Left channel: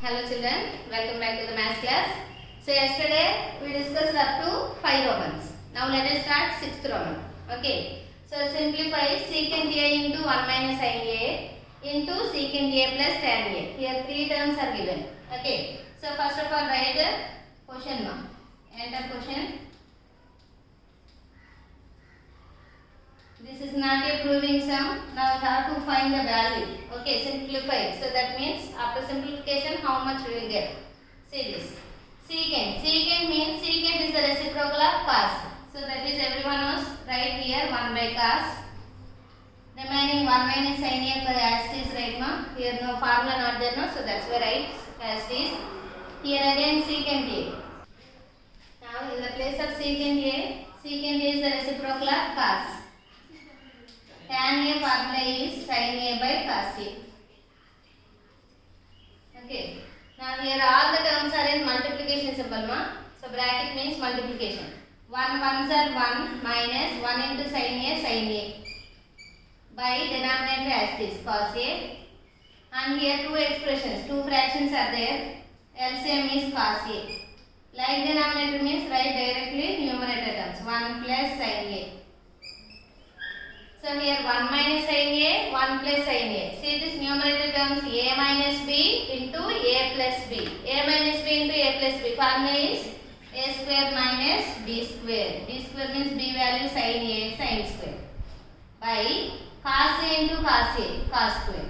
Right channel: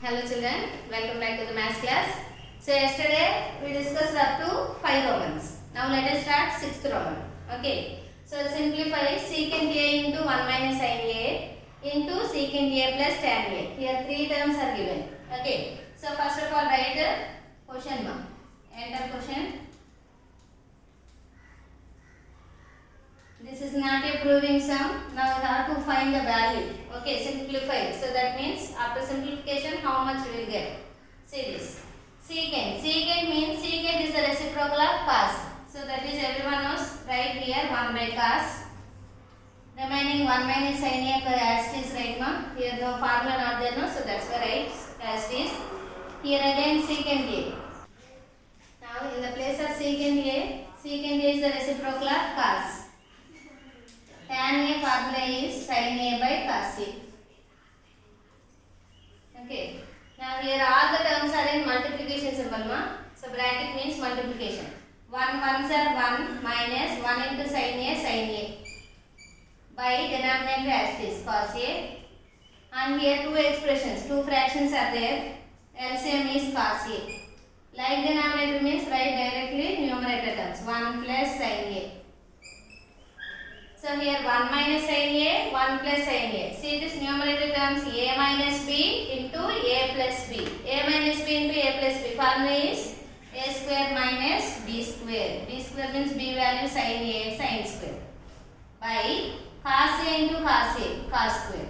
Hello children, welcome back to the maths class. So yesterday we discussed up to 5 Romans. Now let us start 6th Roman. Okay. So simplify secant a into 1 minus sin a into secant a plus tan a. Here 3 terms are given. Okay. So first of all write question mark. Enter question. This is not a proving sum. Now we have to find the value. Okay, simplify. So that means after simplification, how much we will get? See this. Secant. Secant means secant is the reciprocal of cos. So that is everyone knows. Right here 1 by cos. Remaining 1 minus sin a for as it is right now. Here no formula not there no. So that's why right as it is. Here again secant a. Now in the place of secant a is the reciprocal of cos. Tan a formula is sin a by cos a. Okay. Now here all the terms are in multiplication symbol ma. So bracket means multiplication. 1 ones are 1 minus 1 into sin a by denominator as it is cos a. And here two expressions, two fractions are there. LCM is cos a. Like denominator means write directly numerator terms 1 plus sin a. So here 1 minus sin a, 1 plus sin a. See this numerator terms a minus b into a plus b. A minus b into a plus b. Formula is a square minus b square. B square means b value sin a sin square. By cos a into cos a, cos square.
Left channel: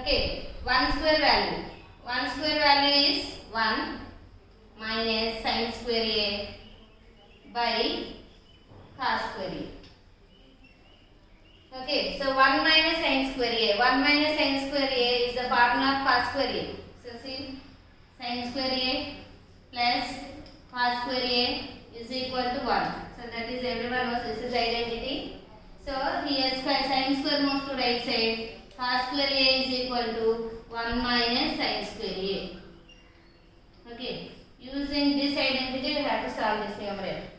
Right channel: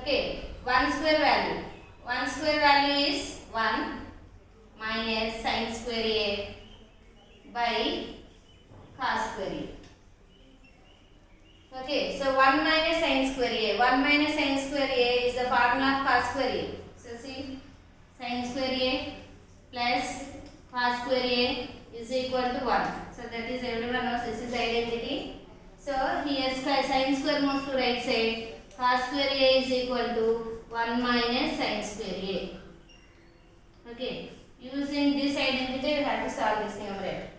Okay, 1 square value. 1 square value is 1 minus sin square a by cos square a. Okay, so 1 minus sin square a. 1 minus sin square a is the formula of cos square a. So see, sin square a plus cos square a is equal to 1. So that is everyone knows this is identity. So here sin square moves to right side. Cos square a is equal to 1 minus sin square a. Okay, using this identity we have to solve this numerator.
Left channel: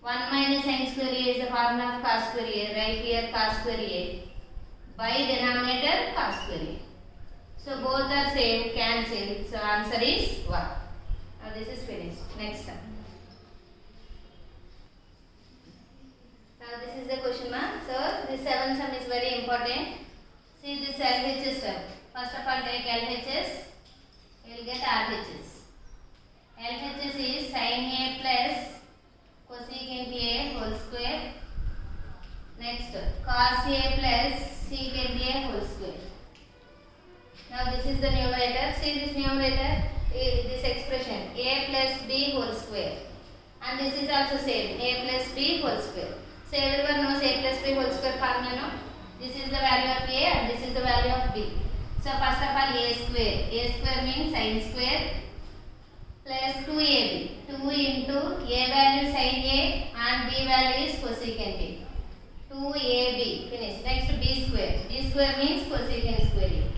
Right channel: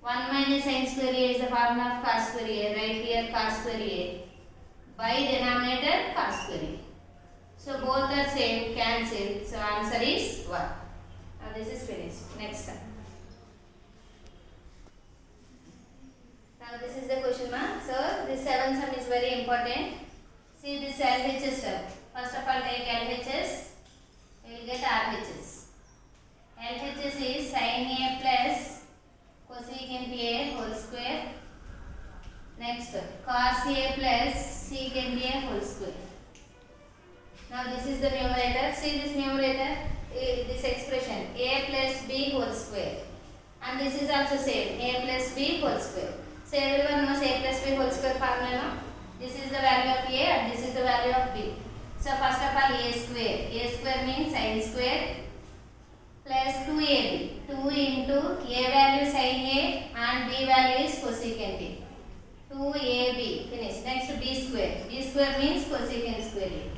1 minus sin square a is the formula of cos square a. Right here cos square a by denominator cos square a. So both are same, cancel. So answer is 1. Now this is finished. Next time. Now this is the question mark. So this 7th sum is very important. See this LHS term. First of all take LHS. You will get RHS. LHS is sin a plus cosecant a whole square. Next cos a plus secant a whole square. Now this is the numerator. See this numerator, this expression a plus b whole square. And this is also same a plus b whole square. So everyone knows a plus b whole square formula. This is the value of a and this is the value of b. So first of all a square. A square means sin square plus 2ab. 2 into a value sin a and b value is cosecant a. 2ab. Finish. Next b square. B square means cosecant square a.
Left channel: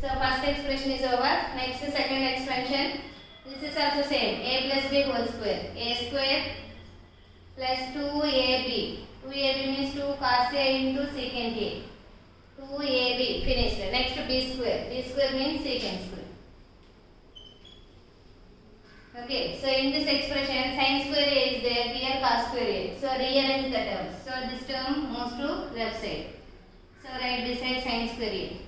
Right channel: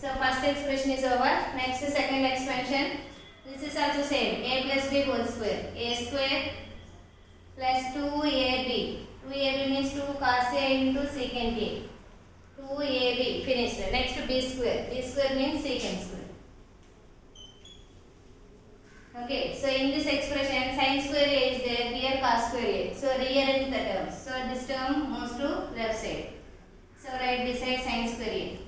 So first expression is over. Next second expansion. This is also same. A plus b whole square. A square plus 2ab. 2ab means 2 cos a into secant a. 2ab. Finished. Next b square. B square means secant square. Okay, so in this expression sin square a is there, here cos square a. So rearrange the terms. So this term moves to left side. So write beside sin square a.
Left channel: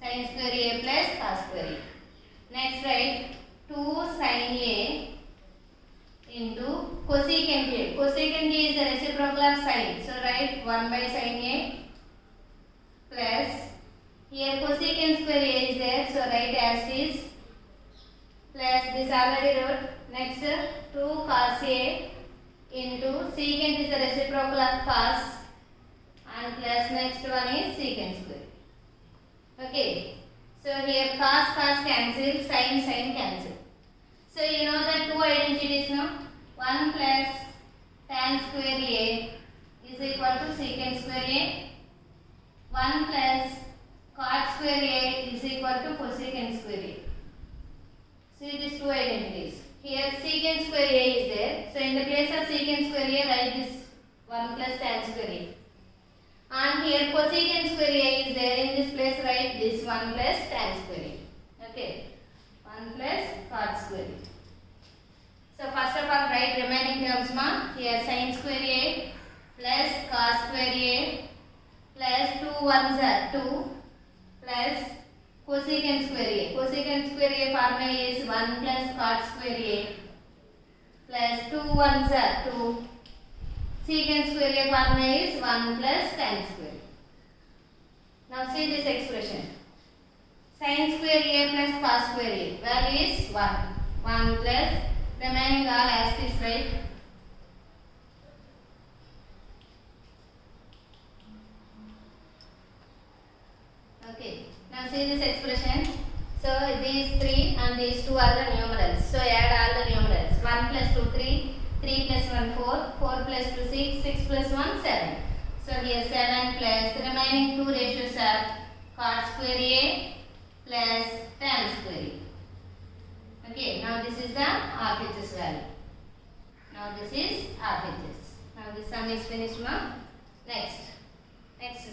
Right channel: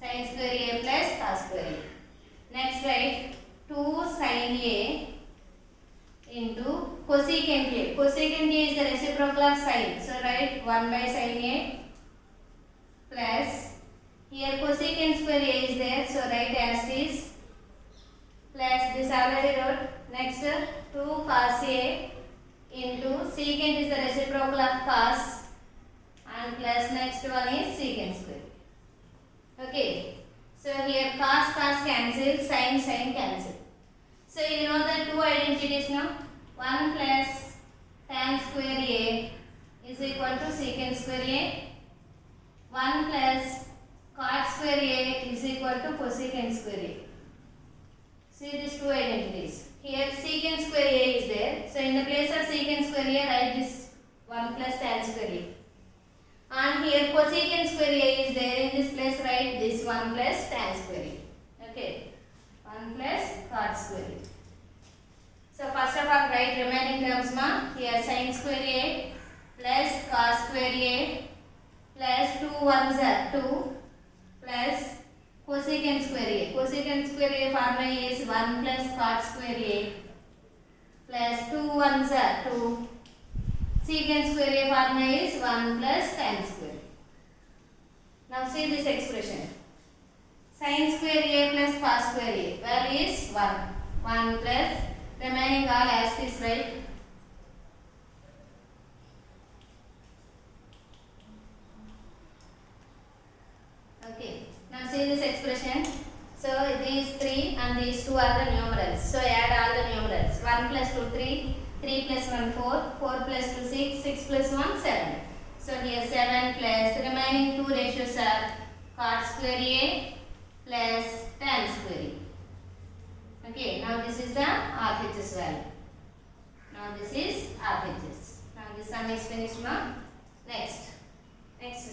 Sin square a plus cos square a. Next write 2 sin a into cosecant a. Cosecant a is the reciprocal of sin. So write 1 by sin a plus here cosecant square a is there. So write as it is. Plus this already wrote. Next 2 cos a into secant is the reciprocal of cos and plus next one is secant square. Okay. So here cos cancel, sin cancel. So you know the two identities now. 1 plus tan square a is equal to secant square a. 1 plus cot square a is equal to cosecant square a. See these two identities. Here secant square a is there. So in the place of secant square a write this 1 plus tan square a. And here cosecant square A is there in this place, right? This 1 plus tan square A. Okay, 1 plus cot square A. So first of all write remaining terms ma. Here sin square A plus cos square A plus 2 1s are 2 plus cosecant square A. Cosecant square A formula is 1 plus cot square A plus 2 1s are 2. Secant square A formula is 1 plus tan square. Now see this expression. Sin square A plus cos square A. Value is 1. 1 plus remaining all as is, right? Okay. Now see this expression. So these 3 and these 2 are the numerals. So add all the numerals. 1 plus 2 3. 3 plus 1 4, 4 plus 2 6, 6 plus 1 7. So here 7 plus the remaining 2 ratios are cot square A plus tan square A. Okay, now this is the RHS value. Now this is RHS. Now this sum is finished ma. Next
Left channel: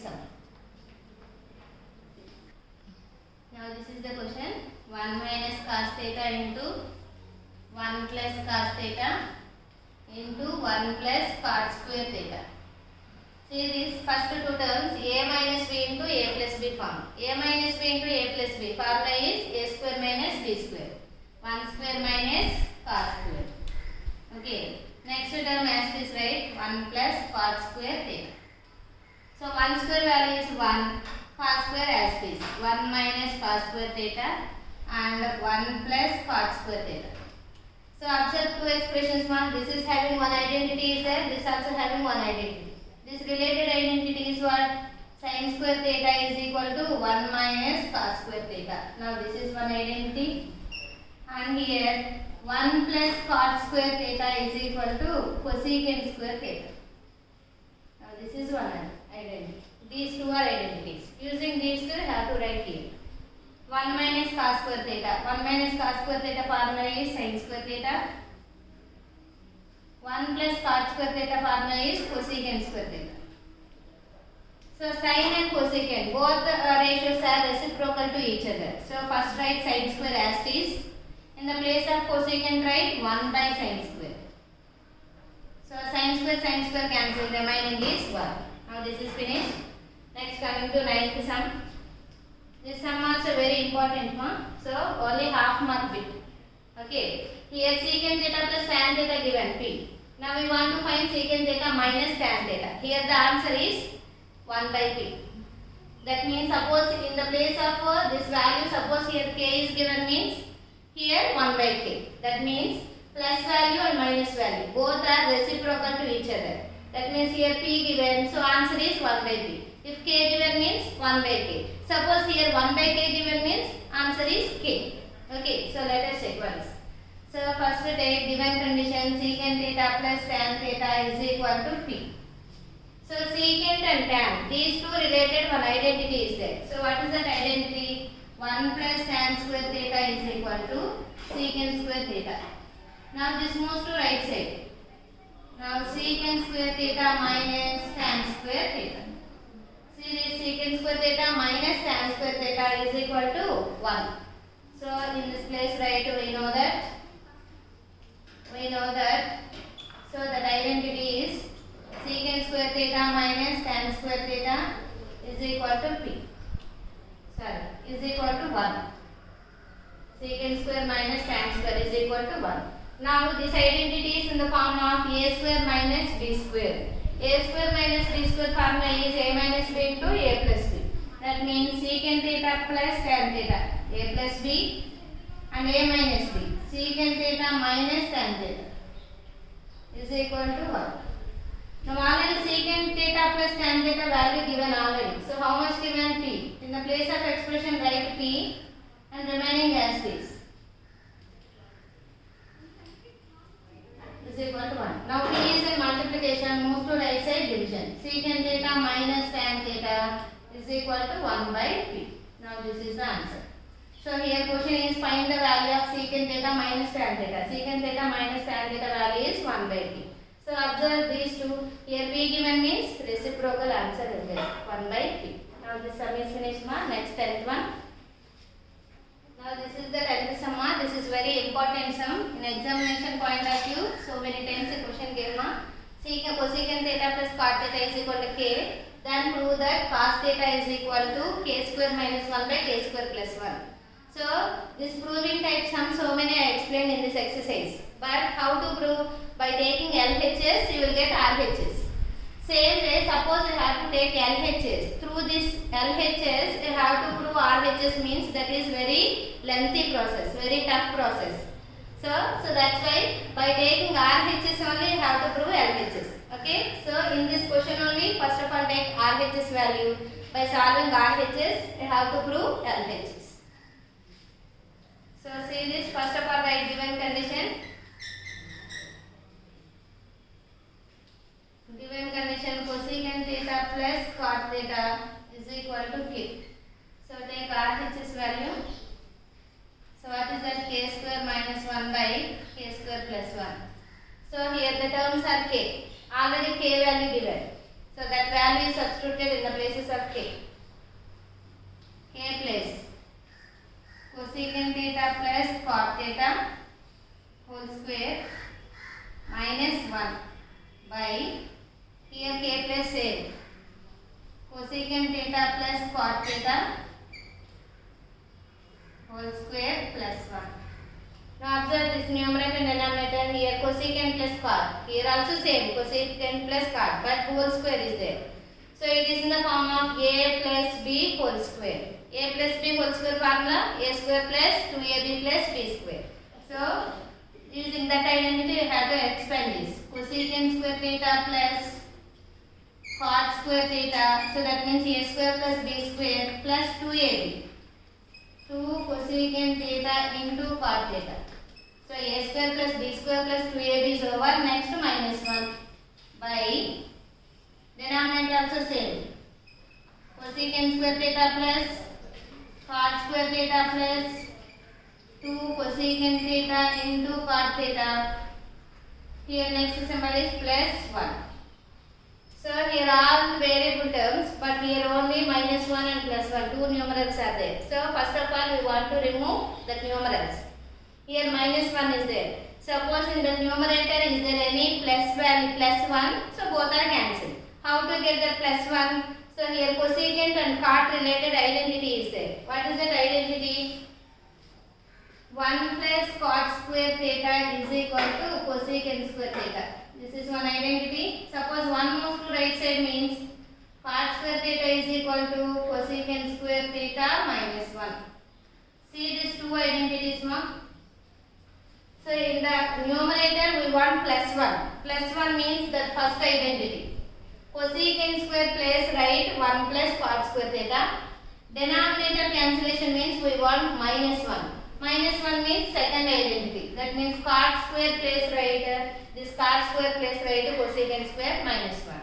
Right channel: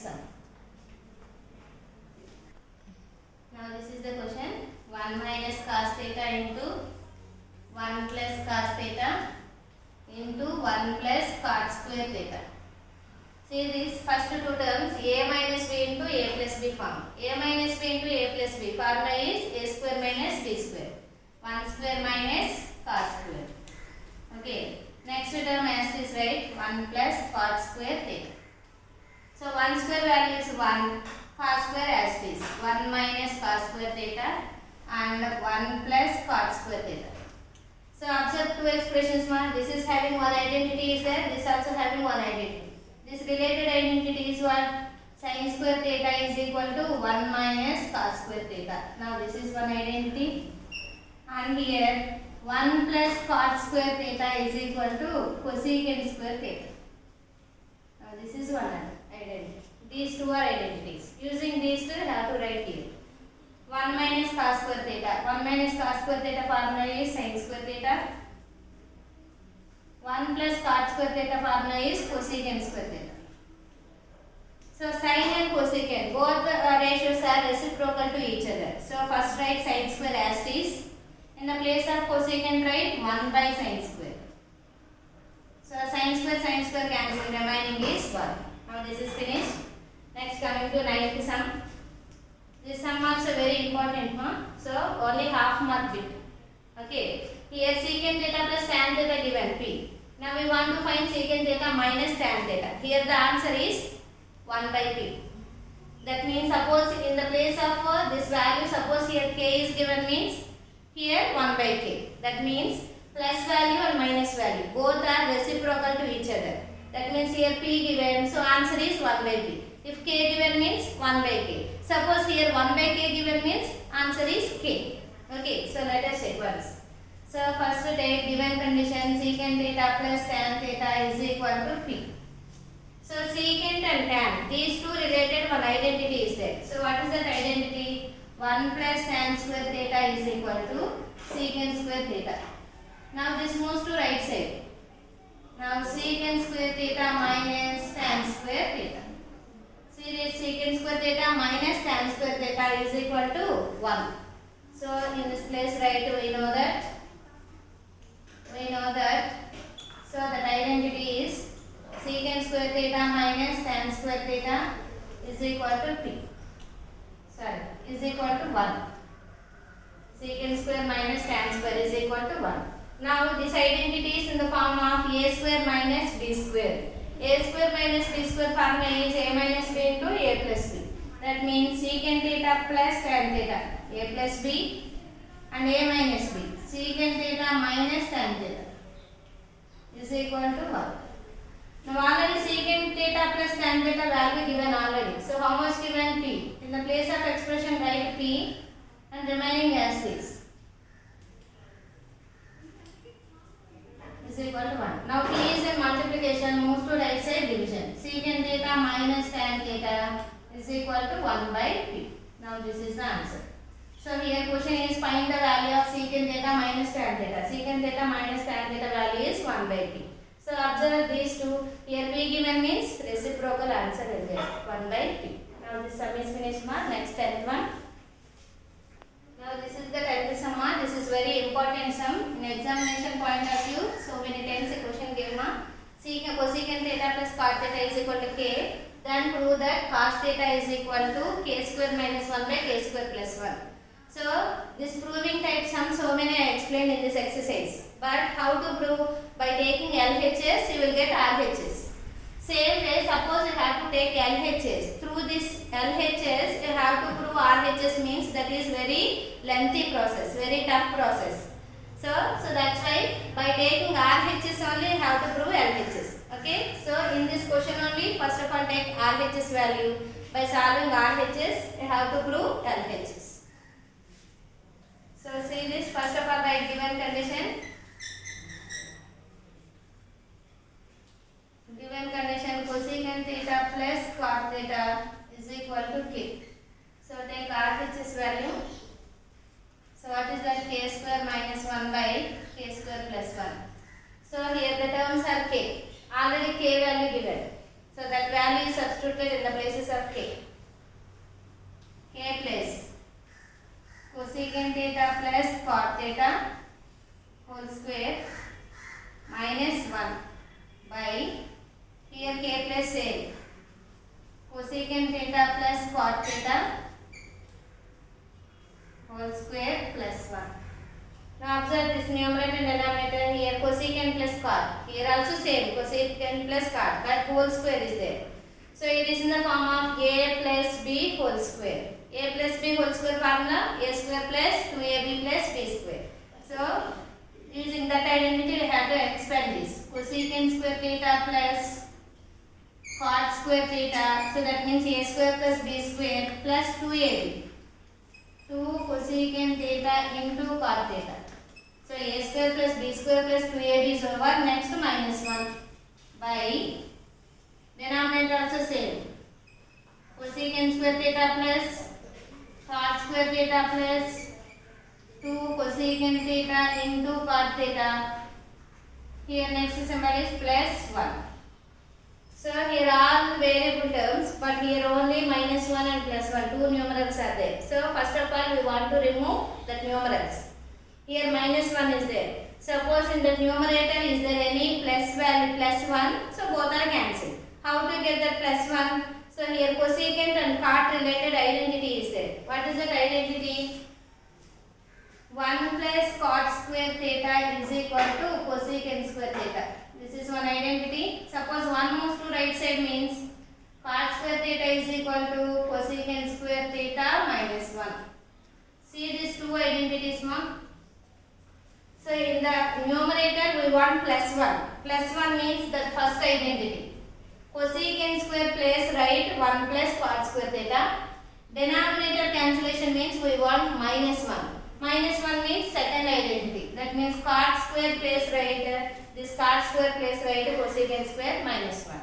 sum. Now this is the question. 1 minus cos theta into 1 plus cos theta into 1 plus cot square theta. See these first two terms a minus b into a plus b form. A minus b into a plus b formula is a square minus b square. 1 square minus cot square. Okay. Next term as is, right? 1 plus cot square theta. So 1 square value is 1. Cos square as is 1 minus cos square theta and 1 plus cot square theta. So observe two expressions ma. This is having one identity is there. This also having one identity. This related identity is what? Sin square theta is equal to 1 minus cos square theta. Now this is one identity. And here 1 plus cot square theta is equal to cosecant square theta. Now this is one identity. These two are identities. Using these two, you have to write here. 1 minus cos square theta. 1 minus cos square theta formula is sin square theta. 1 plus cot square theta formula is cosecant square theta. So sin and cosecant, both ratios are reciprocal to each other. So first write sin square as is. In the place of cosecant write 1 by sin square. So sin square cancel, remaining is 1. Now this is finished. Next coming to 9th sum. This sum also very important ma. So only half mark bit. Okay. Here secant theta plus tan theta given p. Now we want to find secant theta minus tan theta. Here the answer is 1 by p. That means suppose in the place of this value, suppose here k is given means here 1 by k. That means plus value and minus value. Both are reciprocal to each other. That means here p given. So answer is 1 by p. If k given means 1 by k. Suppose here 1 by k given means answer is k. Okay, so let us check once. So first take given condition secant theta plus tan theta is equal to p. So secant and tan, these two related one identity is there. So what is that identity? 1 plus tan square theta is equal to secant square theta. Now this moves to right side. Now secant square theta minus tan square theta. See this secant square theta minus tan square theta is equal to 1. So in this place write we know that. So that identity is secant square theta minus tan square theta is equal to p. Sorry, is equal to 1. Secant square minus tan square is equal to 1. Now this identity is in the form of a square minus b square. A square minus b square formula is a minus b into a plus b. That means secant theta plus tan theta, a plus b and a minus b. Secant theta minus tan theta is equal to 1. Now already secant theta plus tan theta value given already. So how much given p? In the place of expression write p and remaining as is. Is equal to 1. Now p is in multiplication, moves to right side division. Secant theta minus tan theta is equal to 1 by p. Now this is the answer. So here question is find the value of secant theta minus tan theta. Secant theta minus tan theta value is 1 by p. So observe these two. Here P given means reciprocal answer is there 1 by P. Now this sum is finished ma. Next 10th one. Now this is the 10th sum ma. This is very important sum in examination point of view. So many times a question gave ma. Cosecant theta plus cot theta is equal to k. Then prove that cos theta is equal to k square minus 1 by k square plus 1. So this proving type sum so many I explained in this exercise. But how to prove? By taking LHS you will get RHS. Same way, suppose you have to take LHS. Through this LHS you have to prove RHS means that is very lengthy process, very tough process. So that's why by taking RHS only you have to prove LHS. Okay. So in this question only first of all take RHS value. By solving RHS you have to prove LHS. So see this, first of all write given condition. Given condition cosecant theta plus cot theta is equal to k. So take RHS value. So what is that? K square minus 1 by k square plus 1. So here the terms are k. Already k value given. So that value is substituted in the places of k. K place cosecant theta plus cot theta whole square minus 1 by here k plus a cosecant theta plus cot theta whole square plus 1. Now observe this numerator and denominator. Here cosecant plus cot. Here also same cosecant plus cot, but whole square is there. So it is in the form of a plus b whole square. A plus b whole square formula a square plus 2ab plus b square. So using that identity we have to expand this. Cosecant square theta plus cot square theta. So that means a square plus b square plus 2ab. 2 cosecant theta into cot theta. So a square plus b square plus 2ab is over. Next minus 1 by denominator also same. Cosecant square theta plus cot square theta plus 2 cosecant theta into cot theta. Here next symbol is plus 1. So here all variable terms, but here only minus 1 and plus 1, two numerals are there. So first of all we want to remove the numerals. Here minus 1 is there. Suppose in the numerator is there any plus value plus 1, so both are cancelled. How to get the plus 1? So here cosecant and cot related identity is there. What is that identity? 1 plus cot square theta is equal to cosecant square theta. This is one identity. Suppose 1 moves to right side means cot square theta is equal to cosecant square theta minus 1. See these two identities ma'am. So in the numerator we want plus 1. Plus 1 means the first identity. Cosecant square place right 1 plus cot square theta. Denominator cancellation means we want minus 1. Minus 1 means second identity. That means cot square place right this cot square place right cosecant square minus 1.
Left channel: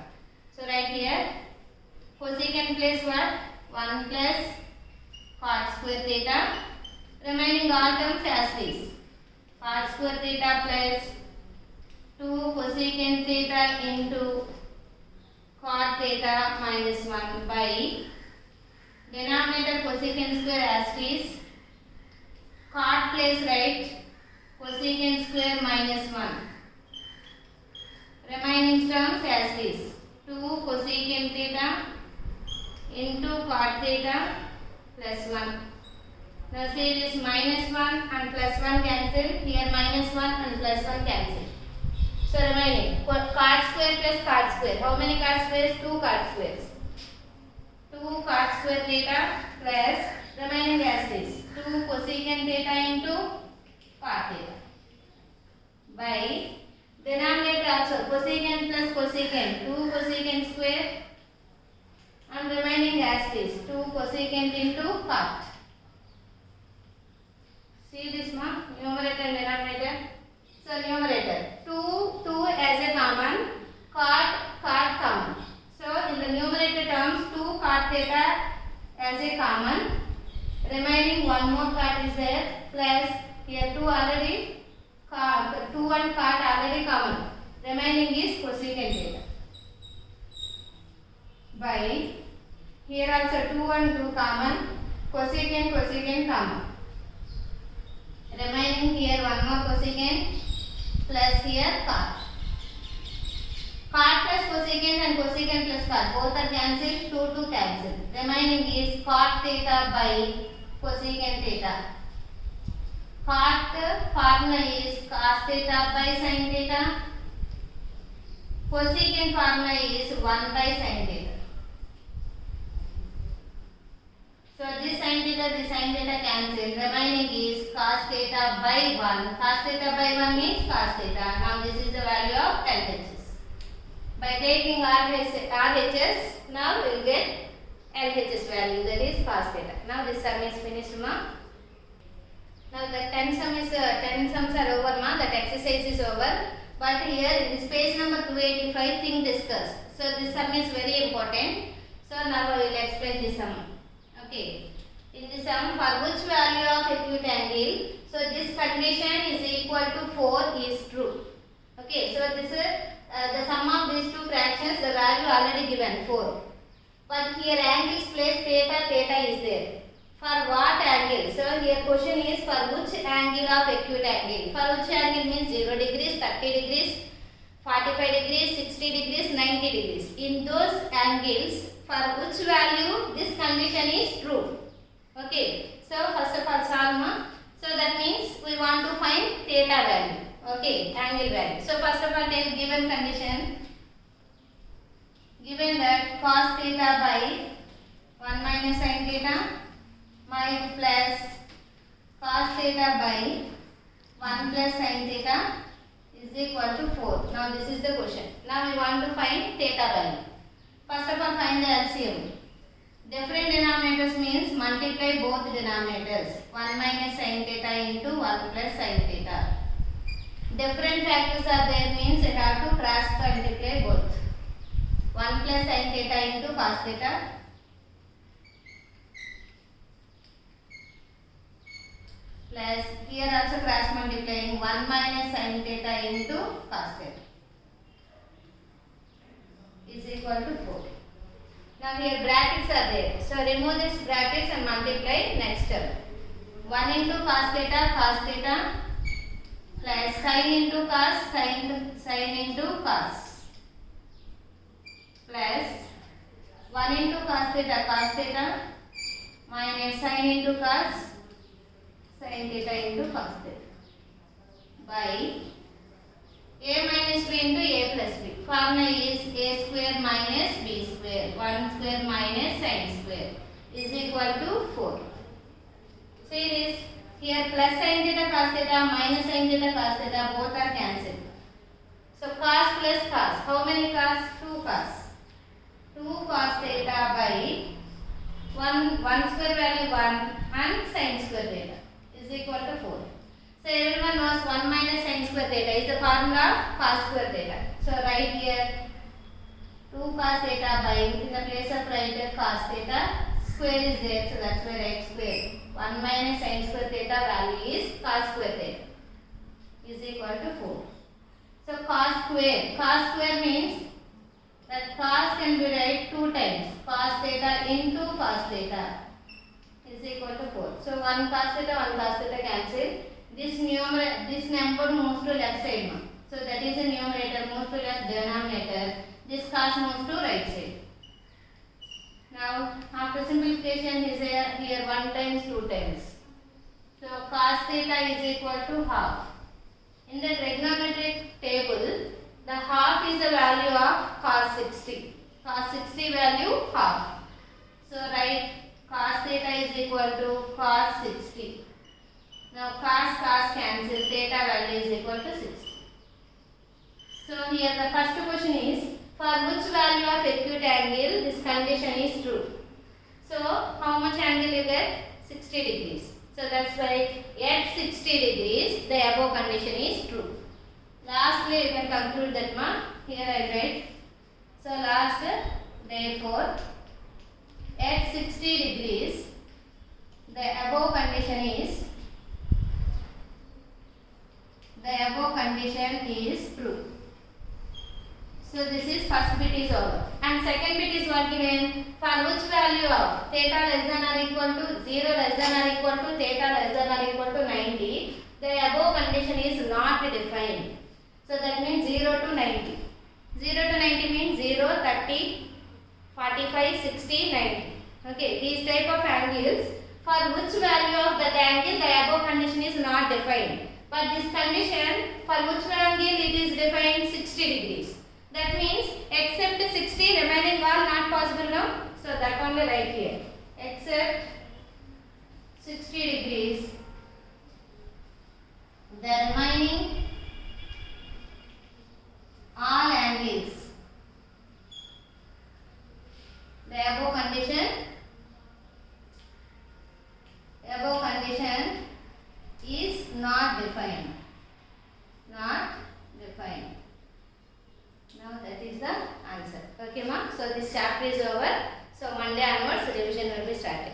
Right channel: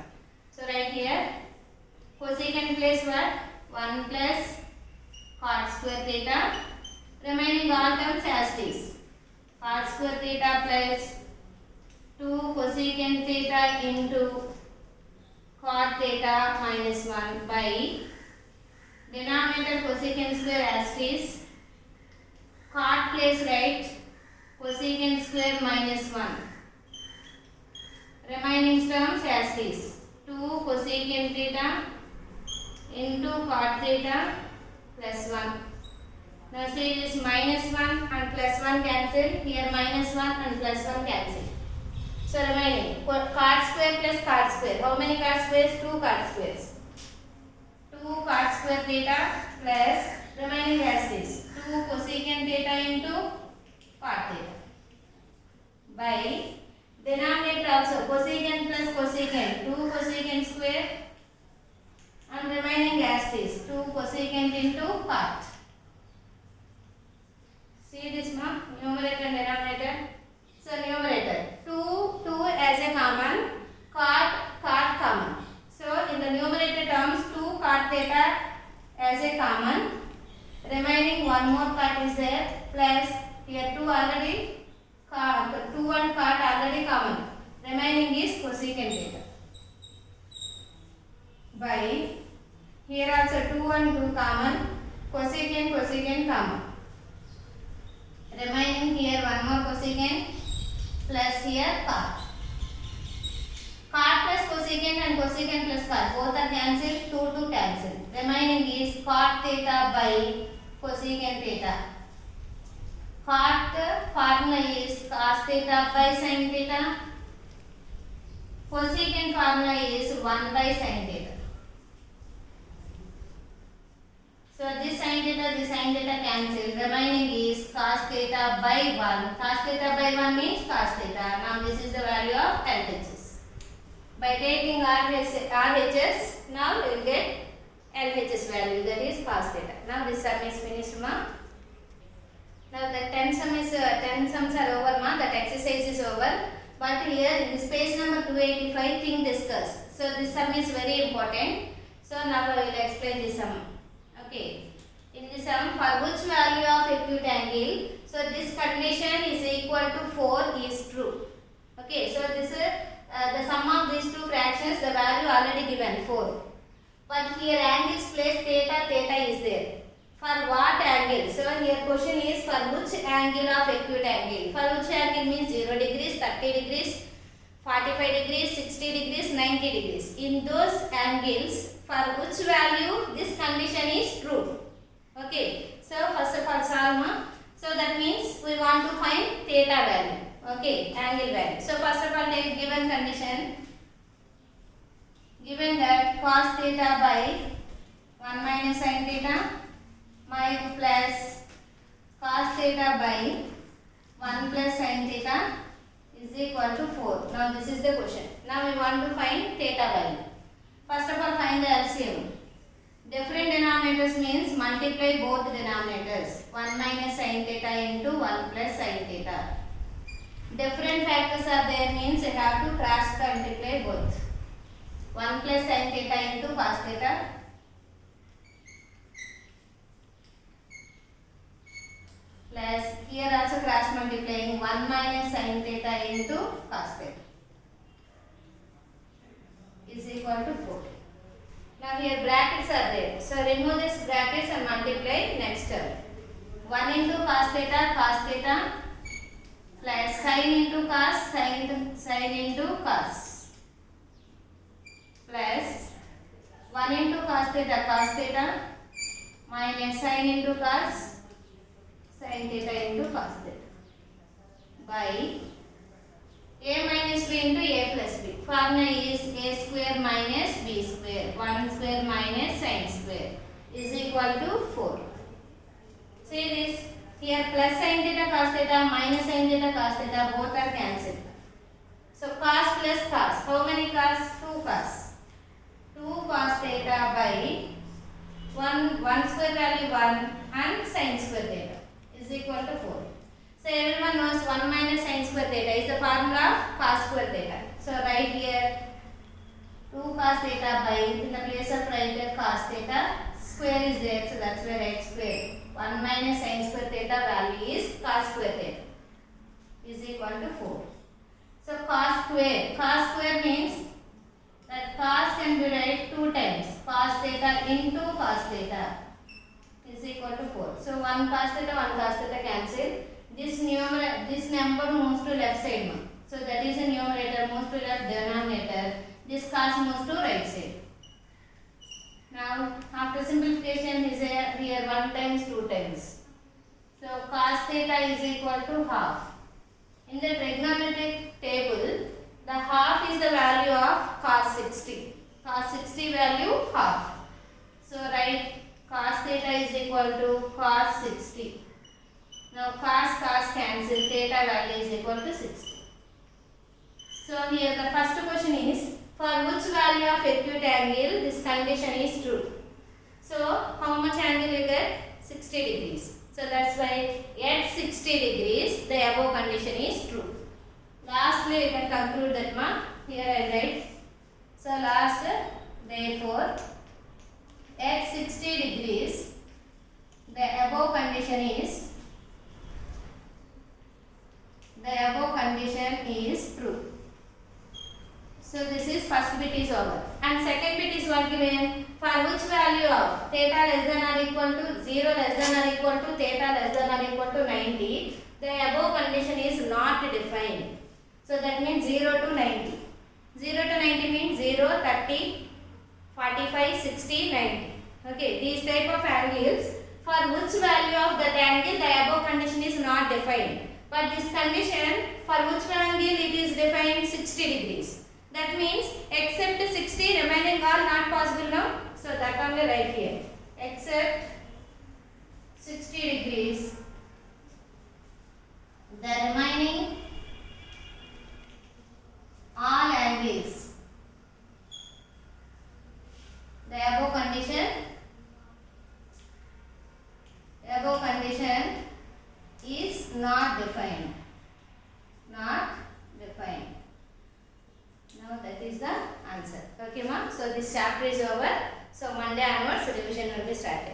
So right here cosecant place what? 1 plus cot square theta. Remaining all terms as this. Cot square theta plus 2 cosecant theta into cot theta minus 1 by denominator cosecant square as is. Cot place right cosecant square minus 1. Remaining terms as is. 2 cosecant theta into cot theta plus 1. Now see this minus 1 and plus 1 cancel. Here minus 1 and plus 1 cancel. So remaining cot square plus cot square. How many cot squares? 2 cot squares. 2 cot square theta plus remaining as this 2 cosecant theta into cot theta by denominator also cosecant plus cosecant 2 cosecant square and remaining as this 2 cosecant into cot. See this mark numerator and denominator. So numerator 2 as a common, cot common. So in the numerator terms 2 cot theta as a common. Remaining one more cot is there plus here 2 already 2 and cot already common. Remaining is cosecant theta. By here also 2 and 2 common, cosecant common. Remaining here one more cosecant plus here cot. Cot plus cosecant and cosecant plus cot both are cancelled, 2 cancel. Remaining is cot theta by cosecant theta. Cot formula is cos theta by sin theta. Cosecant formula is 1 by sin theta. So this sin theta cancel. Remaining is cos theta by 1. Cos theta by 1 means cos theta. Now this is the value of LHS. By taking RHS, now we will get LHS value, that is cos theta. Now this sum is finished, ma. Now the 10 sums are over, ma. That exercise is over. But here in this page number 285, thing discussed. So this sum is very important. So now I will explain this sum. Okay. In this sum, for which value of acute angle, so this condition is equal to 4 is true. Okay. So this is the sum of these two fractions, the value already given 4. But here angles place theta is there. For what angle? So here question is for which angle of acute angle. For which angle means 0 degrees, 30 degrees, 45 degrees, 60 degrees, 90 degrees. In those angles, for which value this condition is true. Okay. So first of all solve. So that means we want to find theta value. Okay, angle value. So first of all take given condition. Given that cos theta by 1 minus sin theta plus cos theta by 1 plus sin theta is equal to 4. Now this is the question. Now we want to find theta value. First of all find the LCM. Different denominators means multiply both denominators. 1 minus sin theta into 1 plus sin theta. Different factors are there means you have to cross multiply both. 1 plus sin theta into cos theta plus here also cross multiplying 1 minus sin theta into cos theta is equal to 4. Now here brackets are there. So remove this brackets and multiply next term. 1 into cos theta plus sin into cos, sin into cos plus 1 into cos theta minus sin into cos, sin theta into cos theta by a minus b into a plus b. Formula is a square minus b square, 1 square minus sin square is equal to 4. See this. Here plus sin theta cos theta minus sin theta cos theta both are cancelled. So cos plus cos. How many cos? 2 cos. 2 cos theta by 1 square value 1 and sin square theta is equal to 4. So everyone knows 1 minus sin square theta is the formula of cos square theta. So write here 2 cos theta by, in the place of write cos theta, square is there, so that's why write square. 1 minus sin square theta value is cos square theta is equal to 4. So cos square means that cos can be written 2 times. Cos theta into cos theta is equal to 4. So 1 cos theta cancel. This number moves to left side. So that is the numerator moves to left, denominator. This cos moves to right side. Now after simplification is here 1 times 2 times. So cos theta is equal to half. In the trigonometric table, the half is the value of cos 60. Cos 60 value half. So write cos theta is equal to cos 60. Now cos cancel, theta value is equal to 60. So here the first question is, for which value of acute angle this condition is true? So how much angle you get? 60 degrees. So that's why at 60 degrees the above condition is true. Lastly you can conclude that one. Here I write. So last, therefore at 60 degrees the above condition is true. first bit is over. And second bit is what given? For which value of theta less than or equal to 0 less than or equal to theta less than or equal to 90, the above condition is not defined. So that means 0 to 90. 0 to 90 means 0, 30, 45, 60, 90. Okay, these type of angles, for which value of that angle the above condition is not defined. But this condition, for which angle it is defined 60 degrees. That means except 60 remaining are not possible now. So that only write here. Except 60 degrees, the remaining all angles, the above condition is not defined. Not defined. Now that is the answer. Okay, ma'am. So this chapter is over. So Monday onwards revision will be started.